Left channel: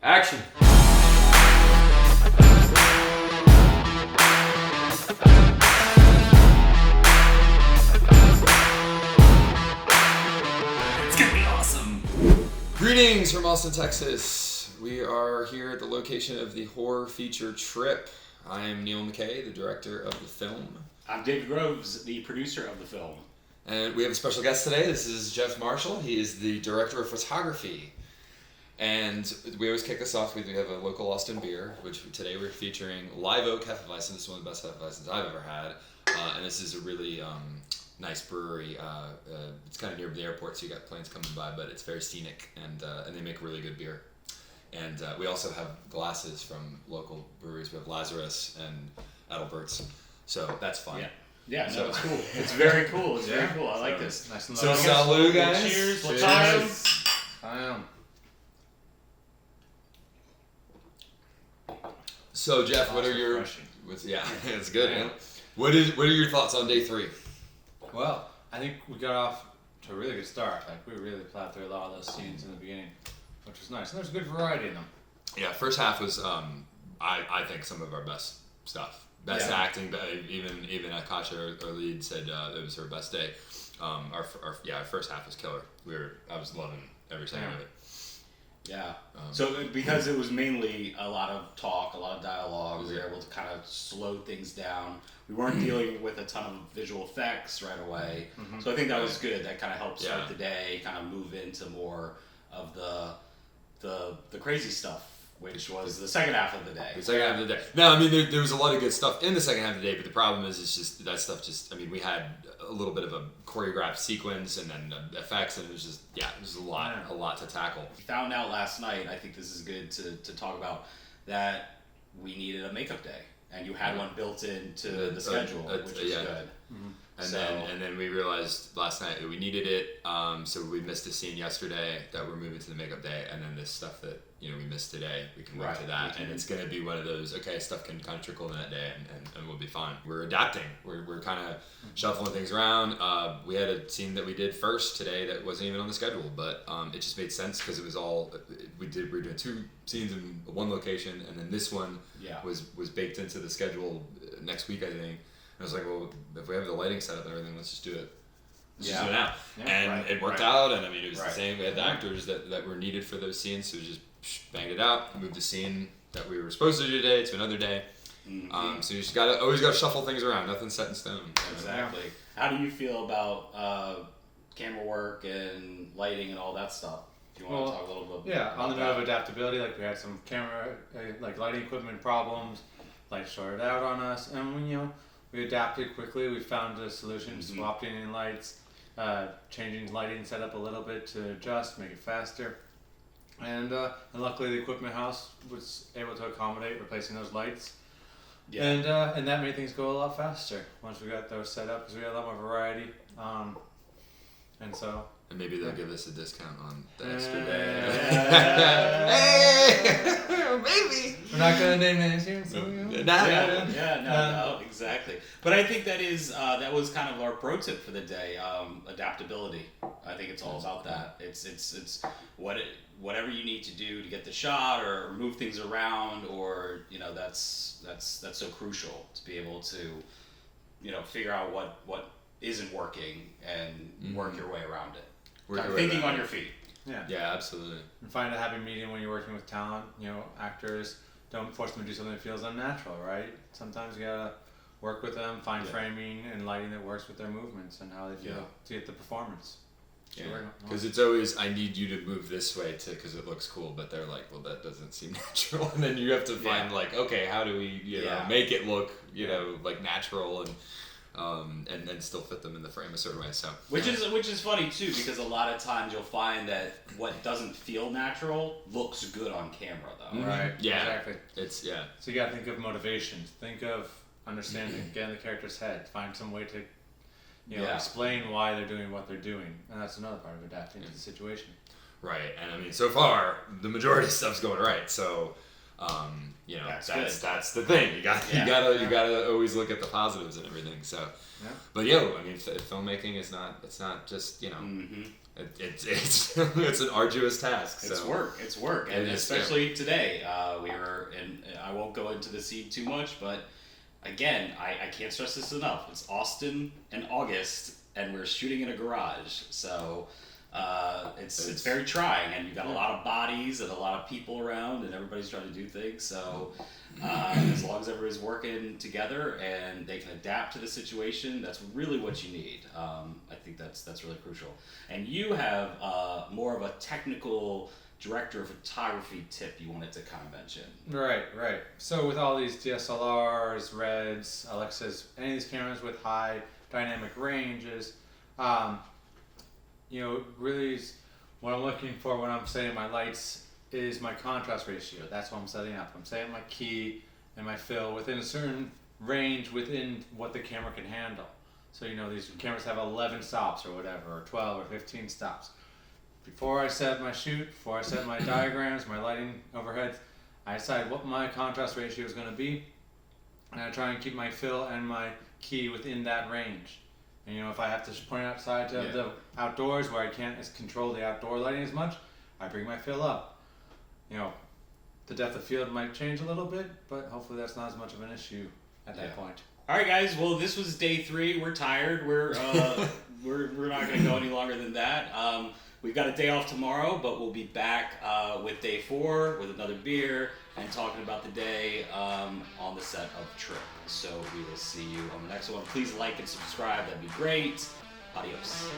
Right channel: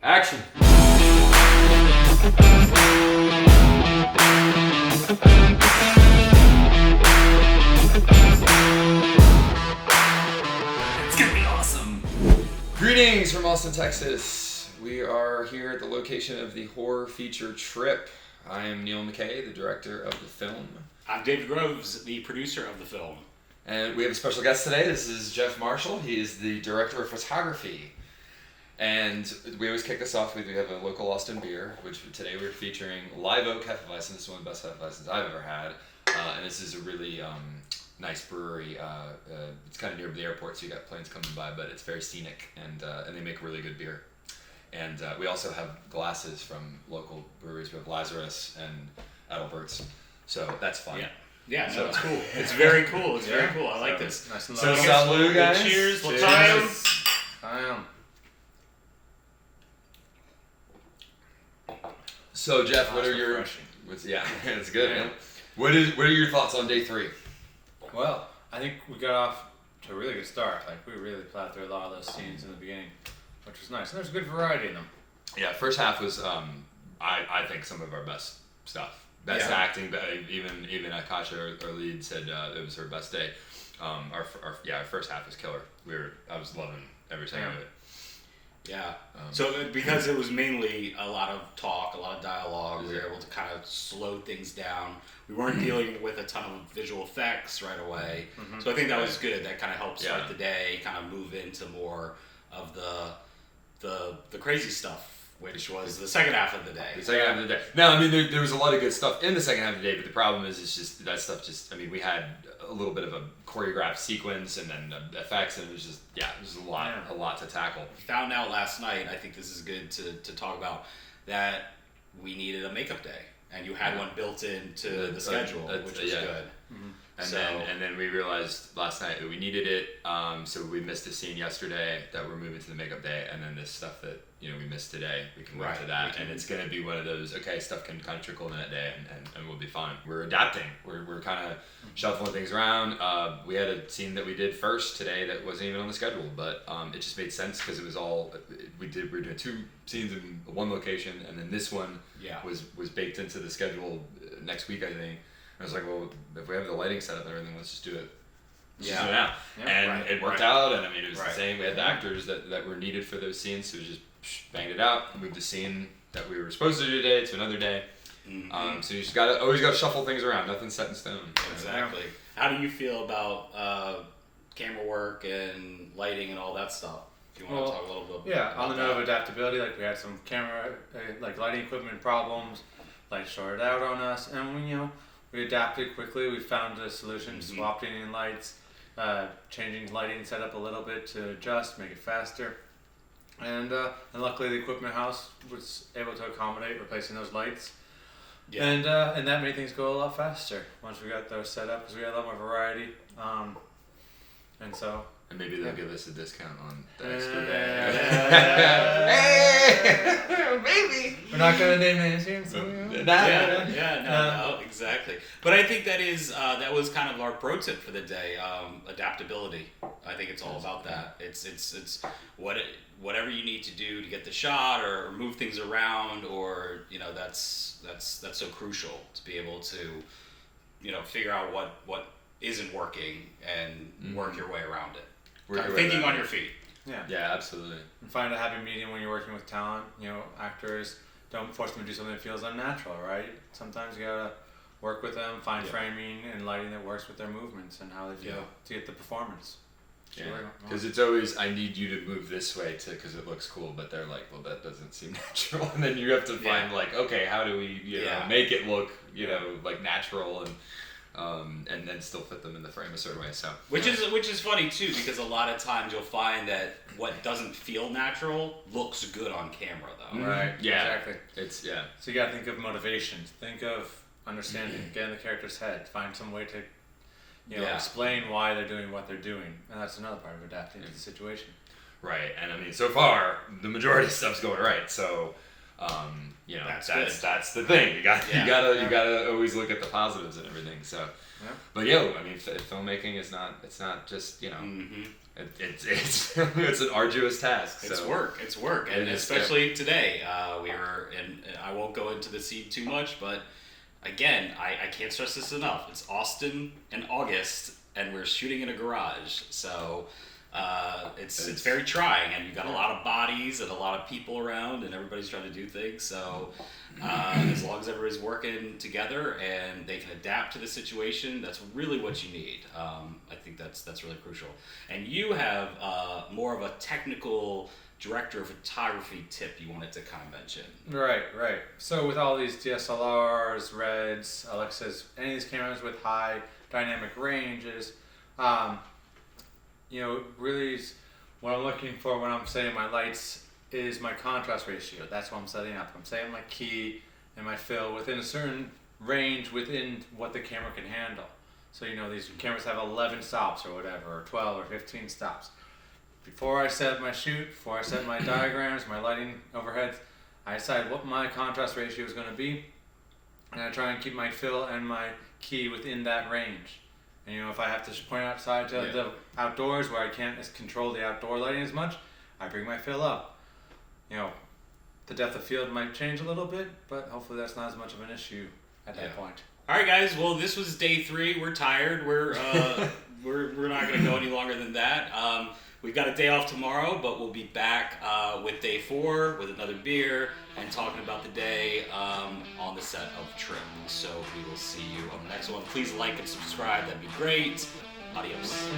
Action! It's gonna be awesome! Greetings from Austin, Texas. We are here at the location of the horror feature Trip. I am Neil McKay, the director of the film. I'm David Groves, the producer of the film. And we have a special guest today. This is Geoff Marschall. He is the director of photography. And we always kick this off with, we have a local Austin beer, which today we're featuring Live Oak HefeWeizen. This is one of the best HefeWeizens I've ever had. And this is a really nice brewery. It's kind of near the airport, so you got planes coming by, but it's very scenic, and they make really good beer. And we also have glasses from local breweries. We have Lazarus and Adalbert's, so that's fun. Yeah, no, it's cool. It's very cool. It's very cool. I like this. Nice and so salud, guys. Cheers. Cheers. I am. So Jeff, what are your? It's good. Yeah. What are your thoughts on day 3? Well, I think we got off to a really good start. Like we really plowed through a lot of those scenes in the beginning, which was nice. And there's a good variety in them. Yeah, first half was I think some of our best stuff. Best acting, but even Akasha, our lead, said it was her best day. Our first half was killer. I was loving every second of it. Yeah. So because it was mainly a lot of talk, a lot of dialogue, we were able to kind of slow things down. We weren't dealing with a ton of visual effects right away. Mm-hmm. So I think that was good. That kind of helped start the day, kind of move into more of the crazy stuff, which was the second half of the day. The second half of the day. No, I mean, there was a lot of good stuff in the second half of the day, but the problem is it's just that stuff we had a little bit of a choreographed sequence and then effects, and it was just, it was a lot to tackle. We found out last night, I think this is good to talk about, that we needed a makeup day, and you had one built into the schedule, which was good. Mm-hmm. And then we realized last night that we needed it, so we missed a scene yesterday that we're moving to the makeup day, and then this stuff that we missed today, we can move to that, and it's going to be one of those, stuff can kind of trickle in that day, and we'll be fine. We're adapting. We're kind of shuffling things around. We had a scene that we did first today that wasn't even on the schedule, but it just made sense because it was all, we were doing 2 scenes in one location, and then this one was baked into the schedule next week, I think. I was like, well, if we have the lighting set up and everything, let's just do it. Let's just do it now. And it worked out, and it was the same. We had the actors that were needed for those scenes, so we just banged it out, moved the scene that we were supposed to do today to another day. Mm-hmm. So you just always got to shuffle things around. Nothing's set in stone. Exactly. How do you feel about camera work and lighting and all that stuff? Do you want to talk a little bit about on the note of adaptability, like we had some camera, lighting equipment problems, lights shorted out on us, and we adapted quickly. We found a solution, swapped in lights, changing lighting setup a little bit to adjust, make it faster. And luckily the equipment house was able to accommodate replacing those lights. Yeah. And that made things go a lot faster once we got those set up, because we had a lot more variety. And maybe they'll give us a discount on the extra day. Hey! Maybe! We're not going to name names here. So no, exactly. But I think that was kind of our pro tip for the day, adaptability. I think it's all about that. It's whatever you need to do to get the shot or move things around, or that's so crucial to be able to figure out what isn't working and work your way around it. Thinking on your feet. Yeah, absolutely. And find a happy medium when you're working with talent. Actors, don't force them to do something that feels unnatural, right? Sometimes you gotta work with them, find framing and lighting that works with their movements and how they feel to get the performance. Because it's always, I need you to move this way because it looks cool, but they're like, well, that doesn't seem natural, and then you have to find how do we make it look like natural and then still fit them in the frame a certain way. So which is funny too, because a lot of times you'll find that what doesn't feel natural looks good on camera though. Right. Yeah. Exactly. It's So you gotta think of motivations. Think of understanding. Get in the character's head. Find some way to explain why they're doing what they're doing, and that's another part of adapting to the situation. Right. And I mean, so far the majority of stuff's going right. So. That's the thing. You gotta always look at the positives and everything. So, but I mean, filmmaking is not. It's not just It's it's an arduous task. It's so. work. It's work, and especially today, we were in. I won't go into the scene too much, but again, I can't stress this enough. It's Austin in August, and we're shooting in a garage, so it's very trying, and you've got a lot of bodies and a lot of people around, and everybody's trying to do things. So as long as everybody's working together and they can adapt to the situation, that's really what you need. I think that's really crucial. And you have more of a technical director of photography tip you wanted to kind of mention. Right. So with all these DSLRs, Reds, Alexas, any of these cameras with high dynamic ranges, really what I'm looking for when I'm setting my lights is my contrast ratio. That's what I'm setting up. I'm setting my key and my fill within a certain range within what the camera can handle. So these cameras have 11 stops or whatever, or 12 or 15 stops. Before I set my shoot, before I set my diagrams, my lighting overheads, I decide what my contrast ratio is going to be, and I try and keep my fill and my key within that range. And if I have to point outside to the outdoors where I can't control the outdoor lighting as much, I bring my fill up. The depth of field might change a little bit, but hopefully that's not as much of an issue at that point. All right, guys. Well, this was day 3. We're tired. We're not going to go any longer than that. We've got a day off tomorrow, but we'll be back with day 4 with another beer and talking about the day on the set of Trip. So we will see you on the next one. Please like and subscribe. That'd be great. Adios.